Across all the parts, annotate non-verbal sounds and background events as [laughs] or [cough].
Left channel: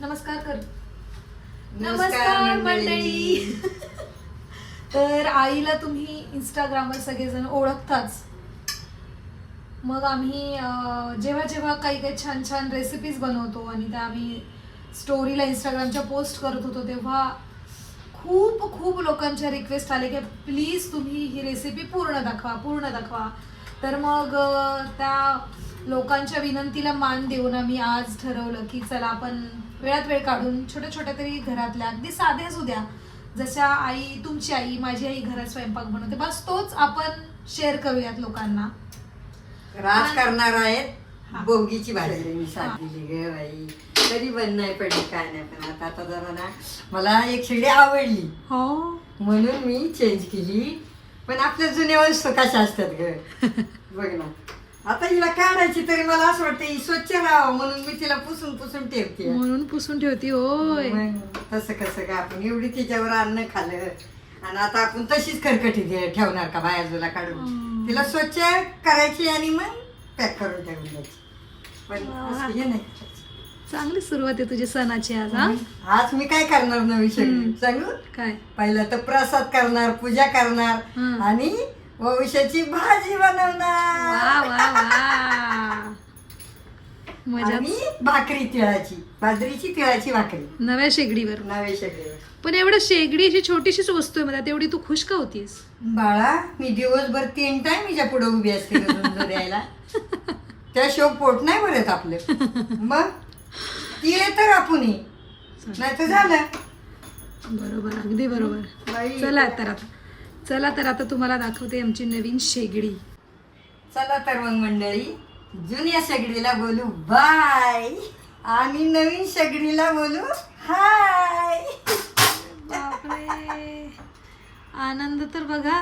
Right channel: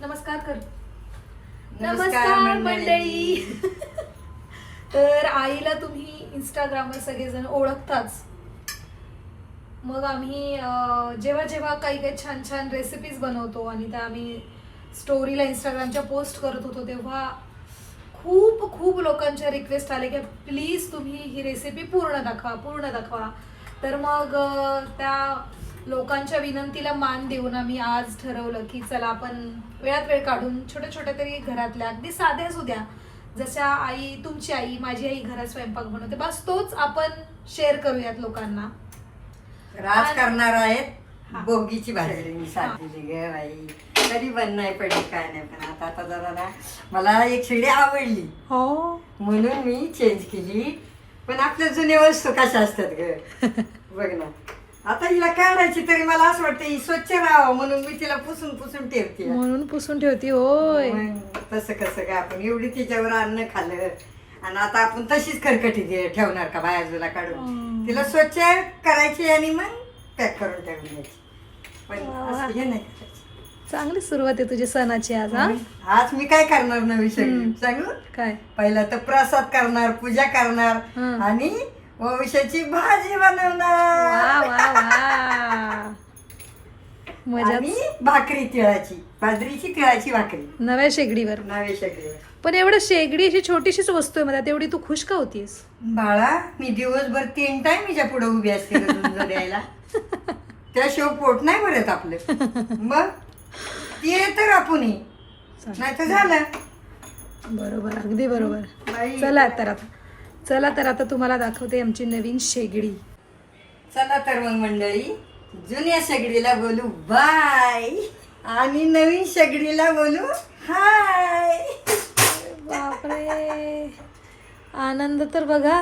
नमस्कार कर. नमस्कार मंडळी. [laughs] तर आईला तुम्ही इंस्टाग्रामवर सगळेजण ओळखताच. मग आम्ही जेव्हा जेव्हा काही काही छान छान रेसिपीज बनवतो आणि त्या आम्ही स्टोरीला इंस्टाग्रामच्या पोस्ट करत होतो तेव्हा खूप खूप लोकांच्या रिक्वेस्ट आले की प्लीज तुम्ही ही रेसिपी पूर्ण दाखवा पूर्ण दाखवा. तर मग त्या लोकांच्या विनंतीला मान देऊन आम्ही आज ठरवलं की चला आपण वेळात वेळ काढून छोट्या छोट्या तरी घरातल्या अगदी साध्या सुद्या जशा आई तुमची आई माझी आई घरात स्वयंपाक बनवते. बस तोच आपण शेअर करूयात लोकांना. राज करणार. आहेत. बोगीची भाजी. मी साधलेली ग बाई तरी बंद नाही पडली काय नाही पण आता आता जरा मला एक शेगडी आवडली. हो. म्हणून मी चेंज केली. पण आपल्या जुन्या वस्तू कशा असतात ग? [laughs] बघ ना. आता हिला काढायची तरी मला असं वाटतं ही स्वच्छ राहावं म्हणून मी तिला पुसून पुसून ठेवते. म्हणून पुसून ठेवती होय. मग तसं कसं काय आपण एवढी तिच्यावर अन्न खाल्लं आणि आता आपण तशीच खरकटी दे- ठेवणार का बाजूला काढून. तिला स्वच्छ करायची आणि मग पॅक करून ठेवून द्यायची. पण. असं हे नाही करायचं. चांगली सुरुवात आहे तुझी सणाची आज हा? आज मी काय करणार नवी. सगळी सांगू? काय? पहिला तर प्रसाद करणार पूजा करणार. आणि वंशाची भाजी बनवणार. मजा भाकरी तिळाची बाजरीची तिळाची भाकरी. नव्या शेगडीवर. नवे सगळे पण एवढं शेगडी अशी छोटीशीच वस्तू आहे मला तेवढी तू खुश का होतीस? बाळा मी दिवसभर तीन टाइम मीच्या पुढे उभी असते द्यायला? [laughs] त्या शो पोट नाही भरत आपलं. [laughs] मग? ती तर आपण नाही तर झालं. बरोबर अगदी बरोबर. बाई. चला तर आता. चला तर आता तुम्हाला दाखवते आमची नवीन शेगडी. चला तर मग मंडळी जुन्या शेगडीला बोलू बाय. आणि नवीन शेगडीला बोलू हाय. बापरे. आनंद तर बघा.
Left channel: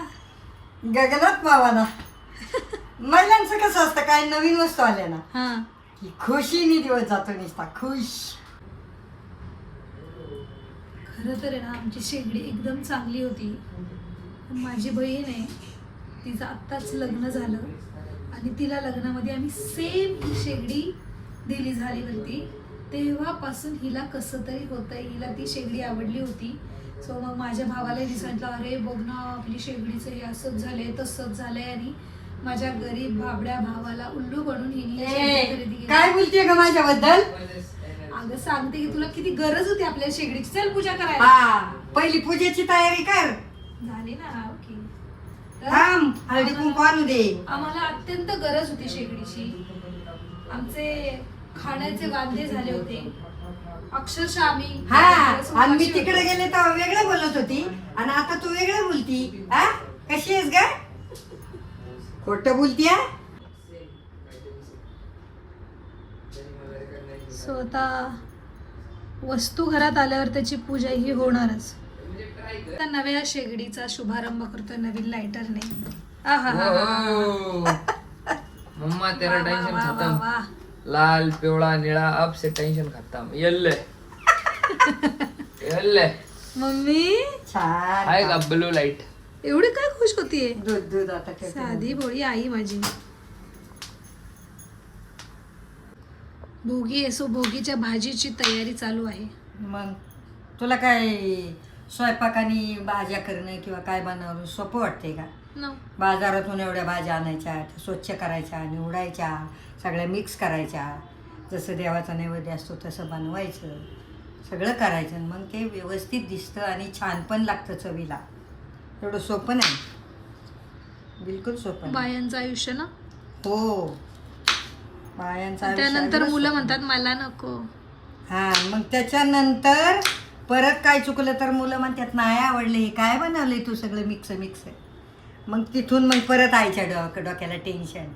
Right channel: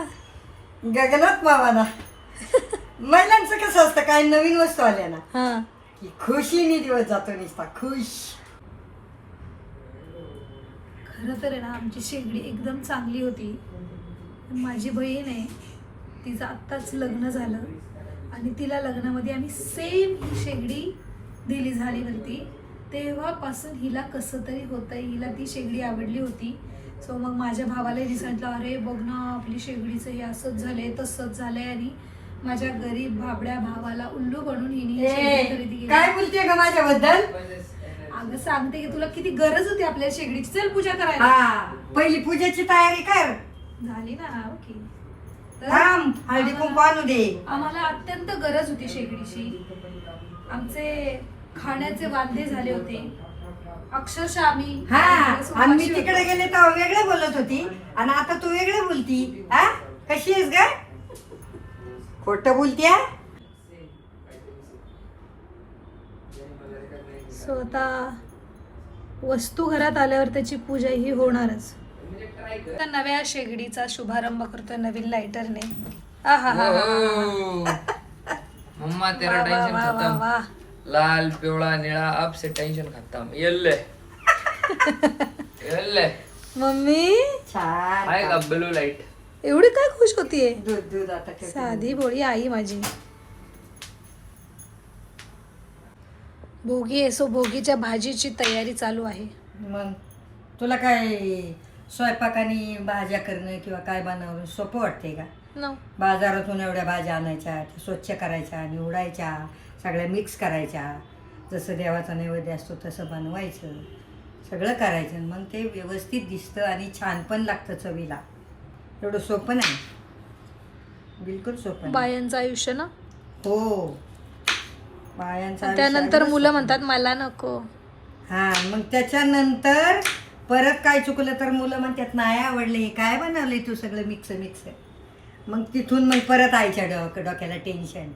गगनात मावाना [laughs] महिलांचं कसं असतं काय नवीन वस्तू आल्या ना. हा. की खुशीने दिवस जातो निसता खुश. खरं तर आहे ना आमची शेगडी एकदम चांगली होती. पण माझी बहीण आहे तिचं आत्ताच लग्न झालं. आणि तिला लग्नामध्ये आम्ही सेम ही शेगडी दिली झाली होती तेव्हापासून हिला कसं तरी होतं हिला ती शेगडी आवडली होती. सो मग माझ्या भावालाही सांगितलं अरे बघ ना आपली शेगडीचं हे असंच झालंय तसंच झालंय. आणि माझ्या गरीब भाबड्या भावाला उल्लू बनून हिने खरेदी केली. काय बोलते ग माझ्याबद्दल? अगं सांगते की तुला किती गरज होती आपल्या शेगडीची चल पूजा करायला. हा पहिली पूजेची तयारी कर. झाली ना ओके. तर थांब हळदी कुंकू आणू दे. आम्हाला अत्यंत गरज होती शेगडीची. आमचे खाण्याचे वांदे झाले होते. अक्षरशः आम्ही हा आणि मी तिकडे. गेले तेव्हा वेगळं बोलत होती. आणि आता तू वेगळं बोलती हा? कशी आहेस ग? खोट बोलती हा? सो आता वस्तू घरात आल्यावर त्याची पूजा ही होणारच. आता नव्या शेगडीचा शुभारंभ करतोय नवीन लायटरने हा हा [laughs] मम्मा तेरा टेंशन खत्म. लाल पिवळा निळा अब से टेंशन खत्म. येल्ले. [laughs] येल्ले. मम्मी? छान. आहे का ब्लू लाइट एवढी काय खुश होतीये? दूध दूध आता ठेवते. साधी भोळी आई माझी. भोगी आहे सो भोगीच्या भाजीची तयारी चालू आहे. मग तुला काय स्वयंपाक आणि भाज्या करणं किंवा काय बनवणं सोपं वाटते का? न बाजारातून एवढ्या भाज्या आणायच्या त्या स्वच्छ करायच्या निवडायच्या सगळ्या मिक्स करायच्या. जसं देवाचा नैवेद्य असतो तसं बनवायचं सगळं करायचं. आणि मग ते व्यवस्थित दिसतं आणि छान पण लागतं चवीला. एवढं सोपं नाही. बिलकुल सोपं. बायांचं आयुष्य ना? हो. बायांचा त्यानंतर मुलं म्हणतात मला नको. हा मग त्याच्यानंतर परत काय चुकलं तर मुलं म्हणतात नाही आवडले हे काय बनवले तू सगळं मिक्स मिक्स? मग तिथून मग परत आईच्या डोक डोक्याला टेन्शन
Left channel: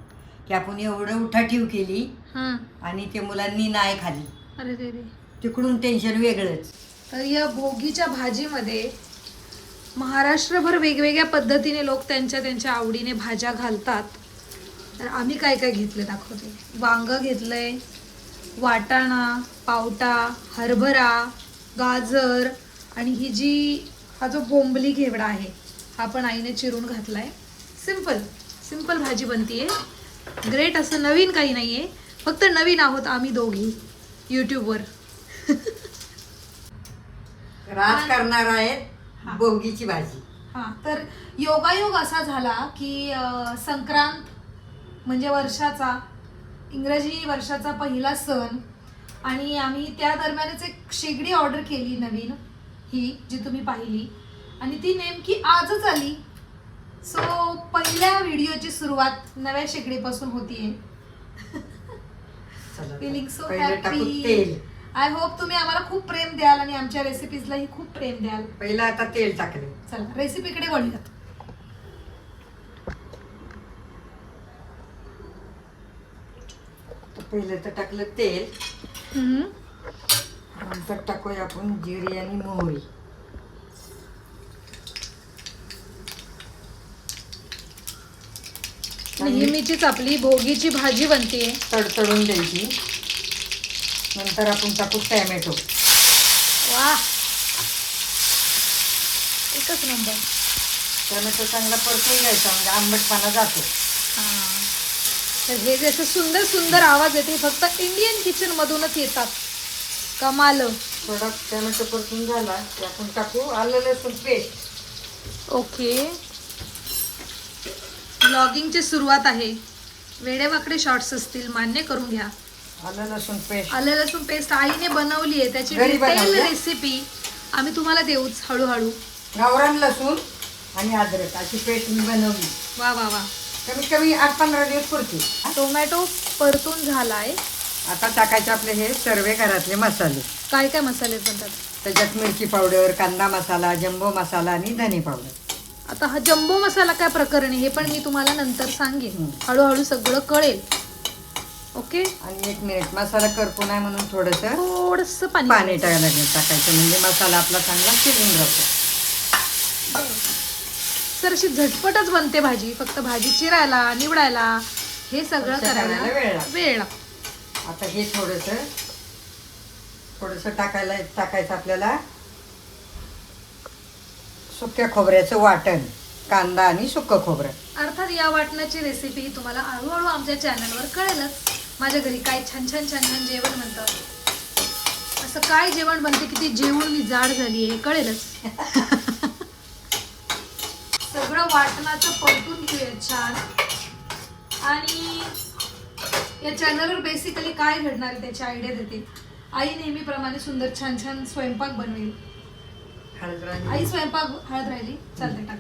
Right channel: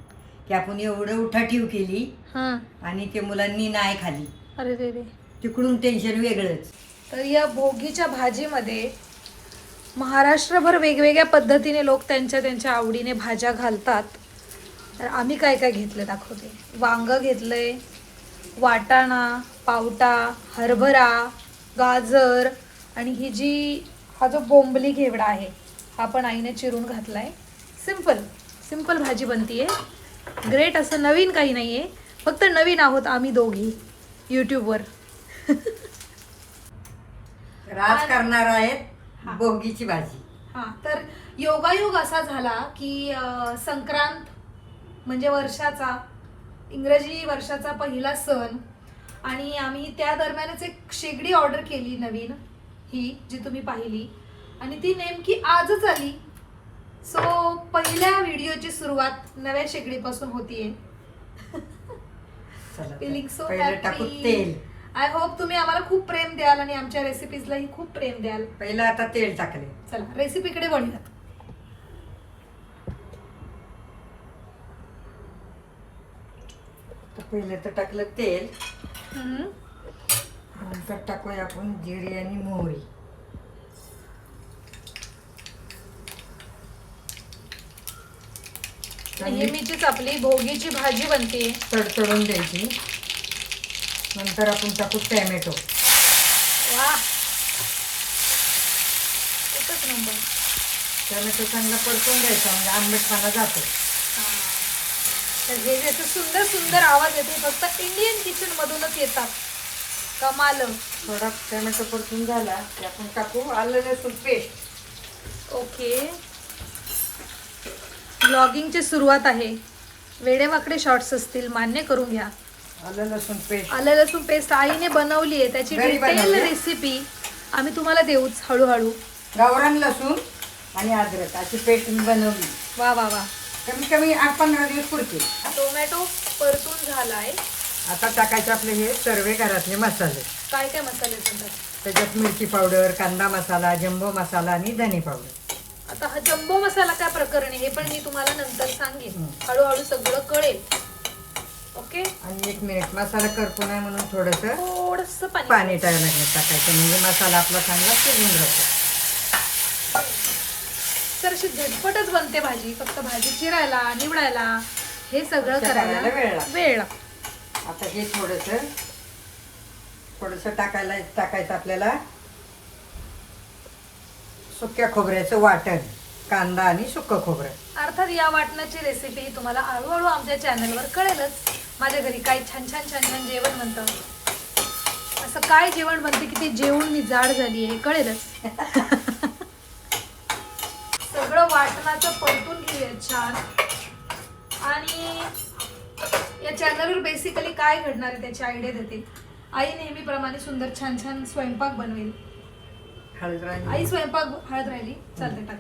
की आपण एवढं उठाठीव केली हा. आणि ते मुलांनी नाही खाली अरे तिकडून टेन्शन वेगळंच. तर या भोगीच्या भाजीमध्ये महाराष्ट्रभर वेगवेगळ्या पद्धतीने लोक त्यांच्या त्यांच्या आवडीने भाज्या घालतात. तर आम्ही काय काय घेतलं दाखवते. वांग घेतलंय वाटाणा पावटा हरभरा गाजर आणि ही जी हा जो बोंबली घेवडा आहे हा पण आईने चिरून घातलाय. सिंपल सिंपल भाजी बनतीये. ग्रेट असं नवीन काही नाही आहे फक्त नवीन आहोत आम्ही दोघी यूट्यूबवर [laughs] राज करणार हा. भोगीची भाजी. हा. तर योगायोग असा झाला की अं, संक्रांत म्हणजे वर्षाचा इंग्रजी वर्षाचा पहिला सण आणि आम्ही त्या दरम्यानच एक शेगडी ऑर्डर केली नवीन ही जी तुम्ही पाहिली. आणि ती नेमकी आजच आली. सो पहिल्या व्हिडिओची सुरुवात नव्या शेगडीपासून होतीये. चला. फिलिंग सो टाकू हॅपी तेल. आय होप तुम्ही आम्हाला खूप प्रेम द्याल आणि आमच्या रेसिपीजलाही खूप प्रेम द्याल. पहिलं आता तेल टाकले. चला रेसिपीकडे वळूयात. पहिलं तर टाकलं तेल. नंतर टाकूया आपण जिरे आणि मोहरी. नेहमीचीच आपली भोगीची भाजी बनते तडतडून द्यायची. नंतर आपण टाकू टॅमॅटो. वा. एकच नंबर. टॅमॅटो चांगला परतून द्यायचा म्हणजे आंबटपणा जातो. हा. तर हे जसे सुंदर सुंदर आवाज येते फक्त इंडियन किचन मधूनच येतात. कमाल. थोडा टॅमॅटो परतून झाला की आपण टाकू. आलं लसूण पेस्ट ओके. ब्लॉगिंगची सुरुवात आहे. वेडेवाकडे शॉर्ट्स असतील मान्य करून घ्या. आलं लसूण पेस्ट आलं लसूण पेस्ट आईने बनवली आहे. त्याची घरी डिटेल बनवली? रेसिपी आम्ही तुम्हाला देऊच हळूहळू. गावरान लसूण आणि अद्रक अशी पेस्ट मी बनवली. वा वा वा. कमीत कमी आठ पंधरा दिवस पुरते टोमॅटो परतून झालाय. आता टाकायचे आपले हे सर्व घरातले मसाले. काय काय मसाले बनतात? त्याच्यात मिरची पावडर कांदा मसाला जंबो मसाला आणि धने पावडर. आता हा जम्बो मसाला काय प्रकरण आहे हे पण मी तुम्हाला नंतर सांगेन. हम्म. हळूहळू सगळं कळेल. ओके? आणि एक मिनिट मसाला करपू नाही म्हणून थोडस थोडस पाणी पाणी टाकायला लागेल टाकायचं. म्हणजे मसाला आपला चांगला शिजून जातो. सर अशी झटपटच बनते भाजी. फक्त भाजी चिरायला निवडायला हे सगळं करायला वेळ. वेळ लागतो. आता हे थोडस थोडस टाकायला टाकायचं आपल्याला सुक्या खोबऱ्याचं वाटण कांदा आणि सुकं खोबरं. अर्थात या वाटणाची रेसिपी तुम्हाला हळूहळू आमच्या चॅनलवर कळेलच. माझ्या घरी काय छान छान छान छान जेवण बनतं असं काय जेवण बनते की ते जेवून मी जाड झाली हे कळेलच. सगळं वाटणाचं परतून घेऊया छान. आणि या चॅनलवर बेसिकली काय घडणार आहे त्याची आयडिया देते. आई नेहमीप्रमाणे सुंदर छान छान स्वयंपाक बनवेल. आई स्वयंपाक हळद राहिली? चालतंय टाक.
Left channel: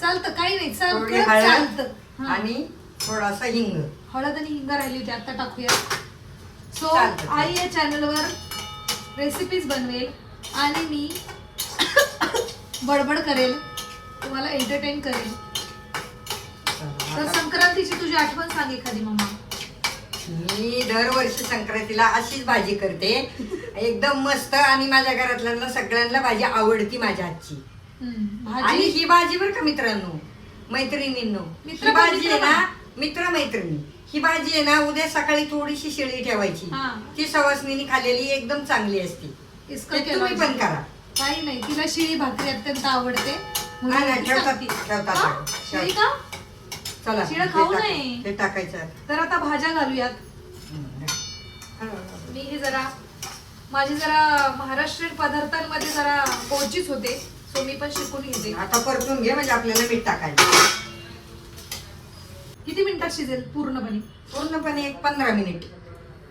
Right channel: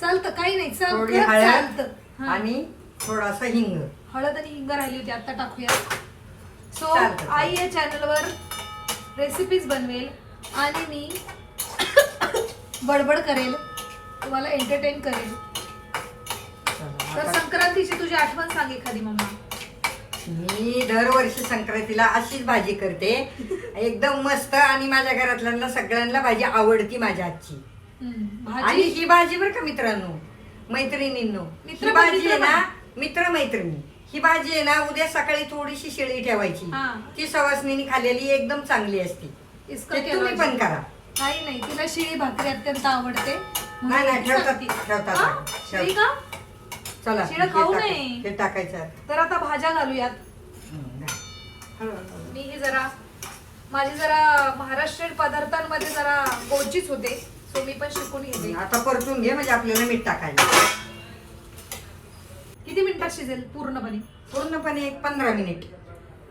चालतं काही नाही चालतं. आणि थोडासा हिंग. हळद आणि हिंग राहिली होती आता टाकूया. सो. आई या चॅनलवर रेसिपीज बनवेल आणि मी बडबड करेल तुम्हाला एंटरटेन करेल. तर संक्रांतीची तुझी आठवण सांग एखादी मम्मा. मी दरवर्षी संक्रांतीला अशीच भाजी करते. एकदम मस्त आणि माझ्या घरातल्यांना सगळ्यांना भाजी आवडती माझ्या हम्म, आणि ही भाजी बरं का मित्रांनो मैत्रिणींनो. मित्र भाजी आहे ना मित्र मैत्रिणी ही भाजी आहे ना उद्या सकाळी थोडीशी शिळी ठेवायची हा. ती सवासनीने खाल्लेली एकदम चांगली असते इसका ते क्या तुम्ही? पण करा काही नाही तिला शिळी भाकरी अत्यंत आवडते म्हणून नाही, नाही, ती ठेवतात, सांगते. ठेवतात. हा? शिळी का चला शिळं हे खाऊ टाक- नये. हे टाकायचं तर आता भाज्या घालूयात. मी जरा माझी जरा महाराष्ट्रीयन पदार्थांमध्ये जरा पोचीच होते सो मी पण शिकून घेते आता परतून घे म्हणजे आपल्याला मीठ टाकायचं मिनिटात शिजेल? पूर्णपणे. पूर्णपणे एक पंधरा मिनिट.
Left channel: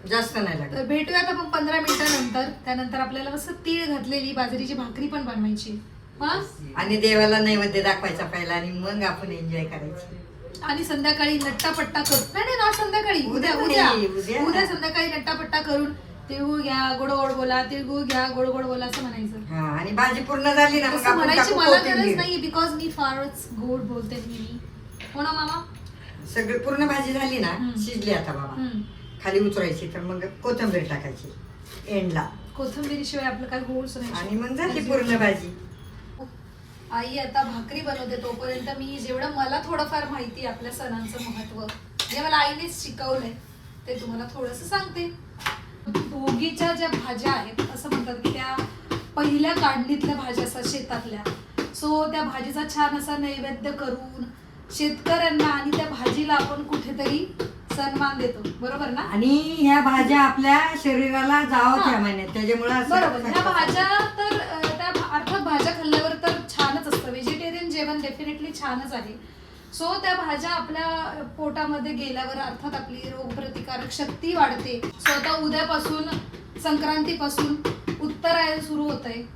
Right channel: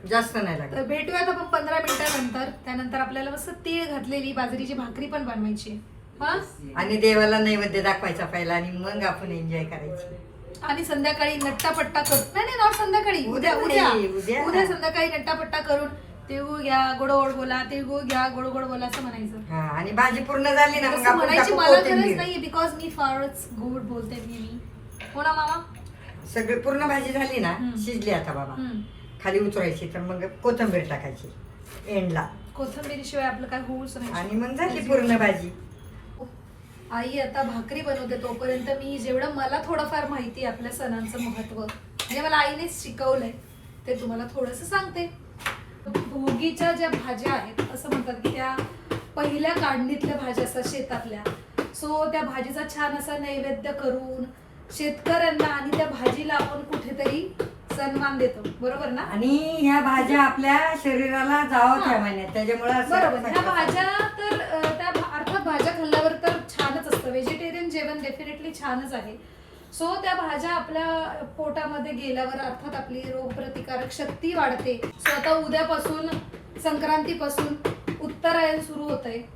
जास्त नाही लागत. तर भेटूयात आपण पंधरा मिनिटानंतर. त्यानंतर आपल्याला मस्त तीळ घातलेली बाजरीची भाकरी पण बनवायची. हा? आणि देवाला नैवेद्य दाखवायचा पहिला आणि मग आपण एन्जॉय करायची. आणि संध्याकाळी नट्टापट्टा करून नाही नाही नॉट संध्याकाळी. उद्या उद्या उद्या. नाही, उद्या. उद्या संध्याकाळी नट्टापट्टा करून तिळगुळ घ्या गोड गोड बोला तिळगुळ घ्या गोड गोड बोला असं म्हणायचं. हा आणि भाजी पूर्ण झाली ना मग तसं आपण म्हणायची टाकू मला गरज कोथिंबीर. नाहीये बिकॉज मी फारच गोड बोलते नेहमी. हो ना मामा? सगळी पूर्ण भाजी झाली ना हम्म. शिजली आता बाबा. हम्म. खाली उतरायची तर मग कोथिंबीर टाकायची एंडला. कोथिंबिरीशिवाय आपलं काय होऊच नाही. आणि मग झाली पूर्ण भाजी. आई आता भाकरी बनवते तोपर्यंत मी जेवढं मला थोडंफार माहिती आहे आपल्या सणांचं महत्त्व म्हणजे मला आईनेच शिकवलंय ते तुम्हाला थोडस सांगते. भोगीच्या ज्या भाज्या आहेत असं म्हणतात की त्या पहिल्या काढणीतल्या भाज्या असतात शेतातल्या. सो त्या भाजीचा छान असा नैवेद्य करून शेतकऱ्यांना आणि त्या भाजीला आपण कुठेतरी सन्मान देतो. बरोबर ना? आणि ह्या भाज्या आपल्या शरीराला जावं त्या महिन्यात. त्याच्यामुळे असं- बरोबर. ह्या भाज्या तर अं, त्या भा- अर्थात भाज्या खाल्ल्यावर तर छानच असतं. व्हेजिटेरियन जेवण डेफिनेटली छानच आहे. सो त्या भाज्या आपल्या पोटामध्ये गेल्यावर अर्थात आपली रोगप्रतिकारक शक्ती वाढते. सो आता उद्यापासून संक्रांतीपासून उत्तरायण सुरू होत आहे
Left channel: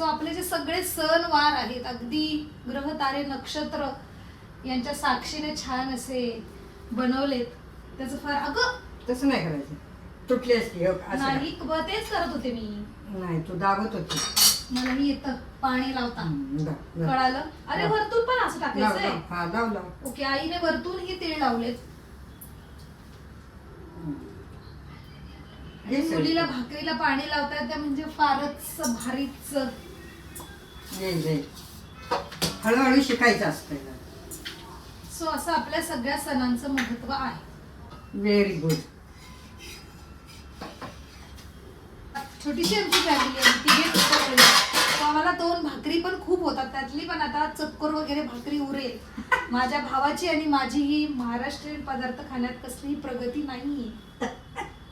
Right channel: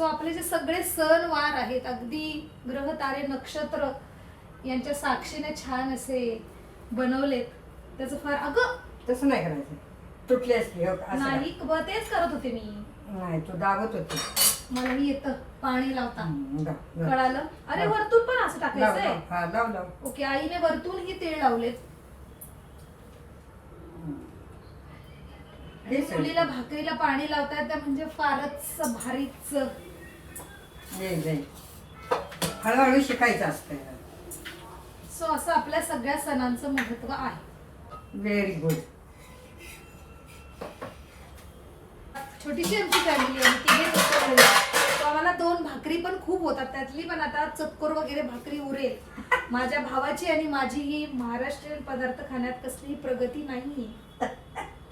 सो आपले जे सगळे सण वार आहेत अगदी ग्रह तारे नक्षत्र यांच्या साक्षीने छान असे बनवलेत. त्याचं फार अगं! तसं नाही करायचं. तुटली असती हो, असं नाही. ब- तेच करत होते मी. नाही. नाही तू दाबत होती. मला मी येतं पाणी लावता. हम्म. कळालं? अरे. वरतून पण असं लाव, टाकायचंय. लाव. हा लाव लाव. ओके आईने वरतून ही तीळ लावलेत. आणि. मुलीला भाकरीला पाणी लावता येतं म्हणजे फारच भारीच हळूहळू शिकायचं असतं. सो असं आपल्या सगळ्या सणांचं महत्त्व आहे. व्हेरी गुड छोटीशी आमची फॅमिली आहे तिघे लोकं घरी. So आम्हाला दोन भाकरी पण खूप होतात. त्यातली पण आता चतकोर वगैरे भाकरी उरेल. माझ्या भावाची आणि माझी ही महाराष्ट्रीयन पदार्थ खाण्यात कसलीही प्रगती नाही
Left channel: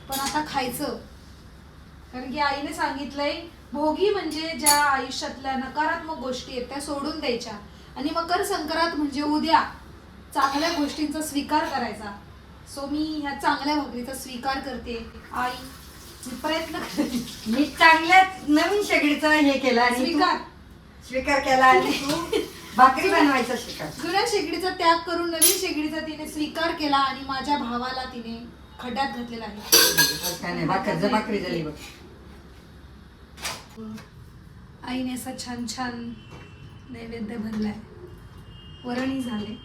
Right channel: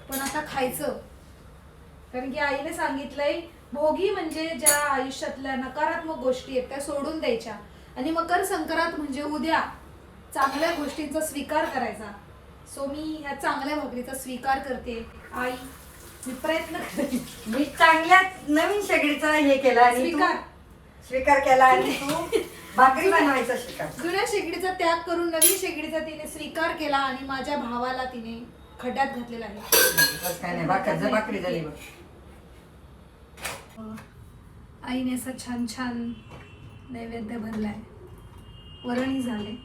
पण आता खायचं. कारण की आईने सांगितलंय भोगी म्हणजे ज्या आयुष्यातल्या नकारात्मक गोष्टी आहेत त्या सोडून द्यायच्या. आणि मकर संक्रांत म्हणजे उद्या चांगल्या गोष्टींचा स्वीकार करायचा. सो मी ह्या चांगल्या भाकरीचा स्वीकार करते. आई मी प्रयत्न करते मी चांगल्या नवीन शेगडीचं हे केलं आणि स्वीकार. स्वीकार केला आणि तू [laughs] भाकरी बनवायचा शिकार जुन्या शेगडीचा त्याग करून नवीन शेगडीचा तिने स्वीकार केला आणि माझ्या भावाला तिने खड्ड्यात घातलेला आहे. काय नाही भाकर भाकरी झाली बघ. आईने असा छान छान नैवेद्य भरलाय. वरणही झाले.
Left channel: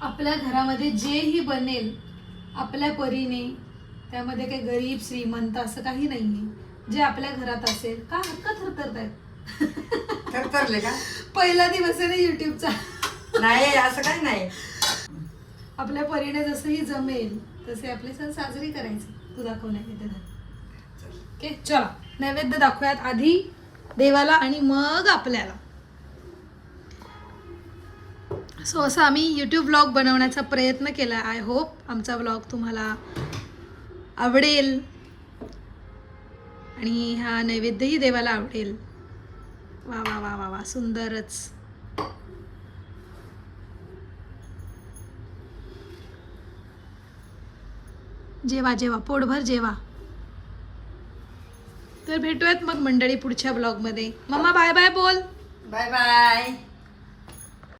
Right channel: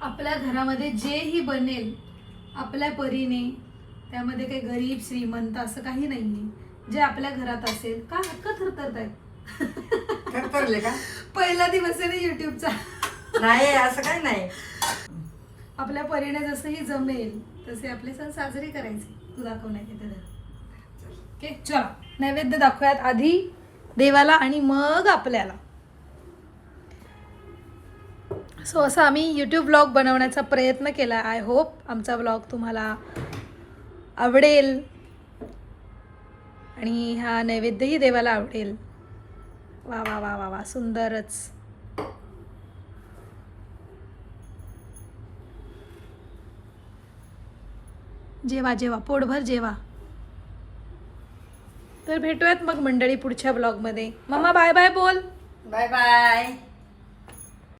आपल्या घरामध्ये जेही बनेल आपल्या परीने त्यामध्ये काही गरीब श्रीमंत असं काही नाहीये. जे आपल्या घरात असेल का हक्क थरथरत आहेत थरथरले का? पहिला दिवस आहे ना युट्यूबचा नाही असं काय नाही. आपल्या परीने जसंही जमेल तसे आपले सण साजरे करायचे. तू दाखव नैवेद्य ओके चला. नैवेद्य दाखवूयात आधी देवाला आणि मग आपल्याला. सो असं आम्ही यूट्यूब ब्लॉग बनवण्याचा प्रयत्न केला. आय होप आमचा ब्लॉग तुम्हाला आवडेल. आणि हा नैवेद्यही देवाला आवडेल. वा वा वा वा वा सुंदरच. जेवा जेवा पोटभर जेवा. तर भेटूयात मग मंडळी पुढच्या ब्लॉगमध्ये मम्मा बाय बाय बोल. Bye bye